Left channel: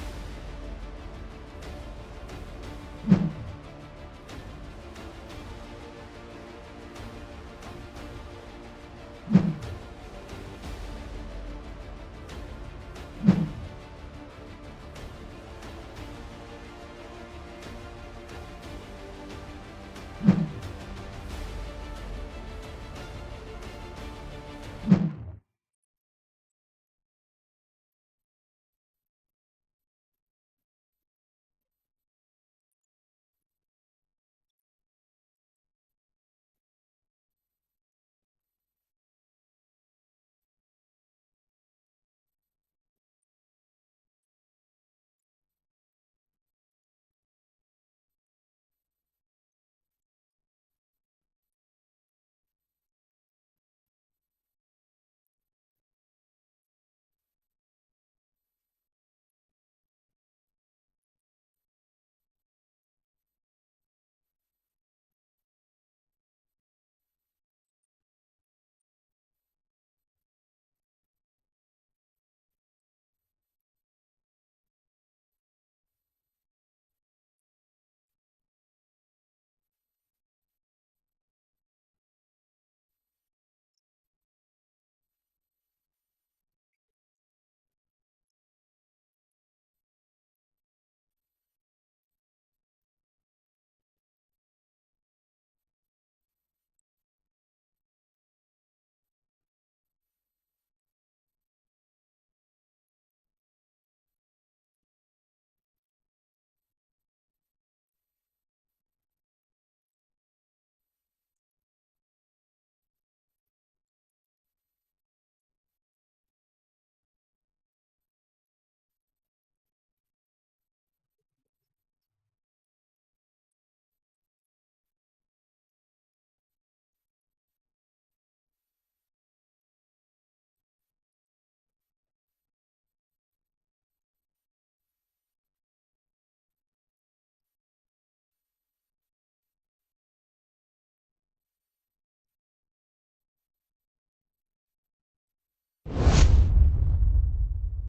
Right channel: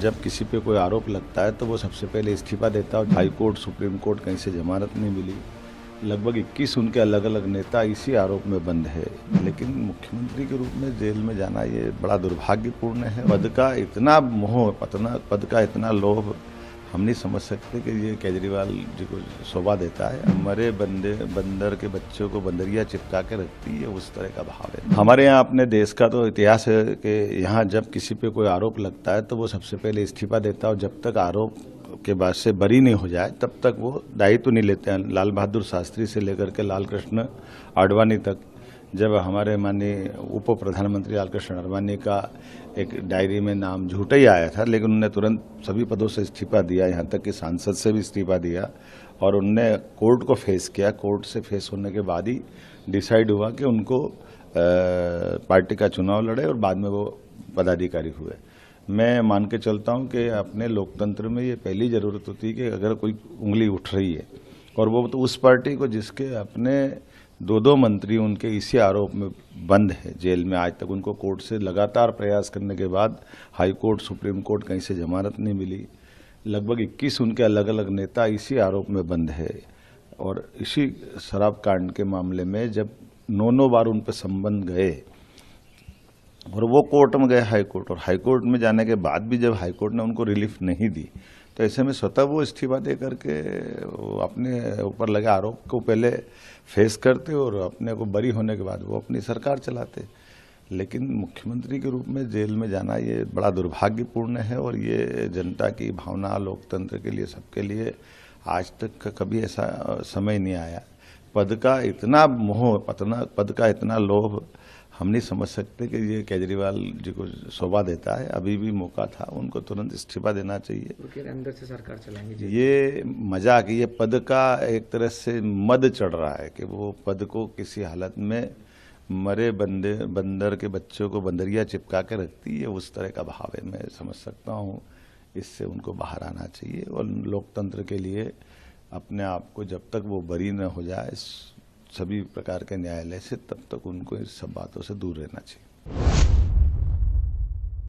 जब किसी पे कोई आरोप लगता है तो वो सबसे पहले इस्तीफा देता है। हाई कोर्ट, सुप्रीम कोर्ट कहीं से जमानत नहीं मिली। लगभग 21 उनके अलग अलग नेता इसी आरोप में बंद है। लेकिन मुख्यमंत्री के रूप में जेल में जाना ये बड़ा दुर्भाग्यपूर्ण है। पद का इतना मोह, पद का इतना लोभ हम नहीं समझ सकते कि ये केजरीवाल जी को शोभा देता है। मरे बंदर के बच्चों को बंदरिया चिपका के रखती है, उस तरह का भाव है। हमारे यहाँ अपने देश का तो इतिहास है कि यहाँ जब किसी पे कोई आरोप लगता है तो वो सबसे पहले इस्तीफा देता है और जब तक आरोप के बाद से बरी नहीं हो जाए तब तक वो दायित्व नहीं लेते हैं। लाल बहादुर शास्त्री से लेकर के लाल कृष्ण आडवाणी तक, जब हमारे माननीय उप प्रधानमंत्री लाल कृष्ण आडवाणी का एक डायरी में नाम झूठा ही आया था, लेकिन उन्होंने तुरंत सभी पदों से इस्तीफा दिया, यहाँ तक कि सांसद से भी इस्तीफा दिया और उनने कोर्ट को फेस किया। कोर्ट से फेस होने के बाद ही डिसाइड हुआ कि उनको पार्टी का चुनाव लड़े और बाद में वो पदाधिकारी हुए। मैं मान के चलता हूँ कि अपने लोकतंत्र में ये पहली ज़रूरत होती है कि अगर कोई उंगली उठ रही है और वो तो उस पार्टी को जिसके अपने दो मंत्री उनके इसी आरोप में बंद है जेल में आज तक, उनको कोर्ट से लगातार प्रयास करने के बाद हाई कोर्ट, सुप्रीम कोर्ट कहीं से जमानत नहीं मिली। लगभग 21 उनके अलग अलग नेता इसी आरोप में बंद है। और इसी शराब कांड के मामले में जब 9 बार उन पर संबंध गए और वो कोर्ट में गए हाई कोर्ट, और हाई कोर्ट में जाने के बाद भी जब हाई कोर्ट ने उनको रिलीफ नहीं दी तो ऐसे में स्वतः वो इस्तीफा दे करके अपने ऊपर लगे आरोप को पहले फेस करते और अपने को बरी होने के बाद वो अपनी सरकार चलाते। लेकिन मुख्यमंत्री के रूप में जेल में जाना ये बड़ा दुर्भाग्यपूर्ण है और ये जनता की भावना, लोकतंत्र के लिए, सबके लिए आज तक कभी ऐसा समय नहीं आया। पद का इतना मोह, पद का इतना लोभ हम नहीं समझ सकते कि ये केजरीवाल जी को शोभा देता है। अभी भी मौका था, उनको तुरंत इस्तीफा देना चाहिए। अंदर से सरकार चलाएंगे ये मजाक, ये पद का एक तरह से मद चढ़ रहा है कि वो पद को किसी हालत में मरे बंदर के बच्चों को बंदरिया चिपका के रखती है, उस तरह का भाव है। मैं समझ सकता हूँ, इससे उनको बाहर आना चाहिए और लोकतंत्र के लिए अपने आप को जब तक वो बरी न हो जाए सभी प्रकार के न्यायालय से, तब तक उनको इस सब बातों से दूर रहना चाहिए।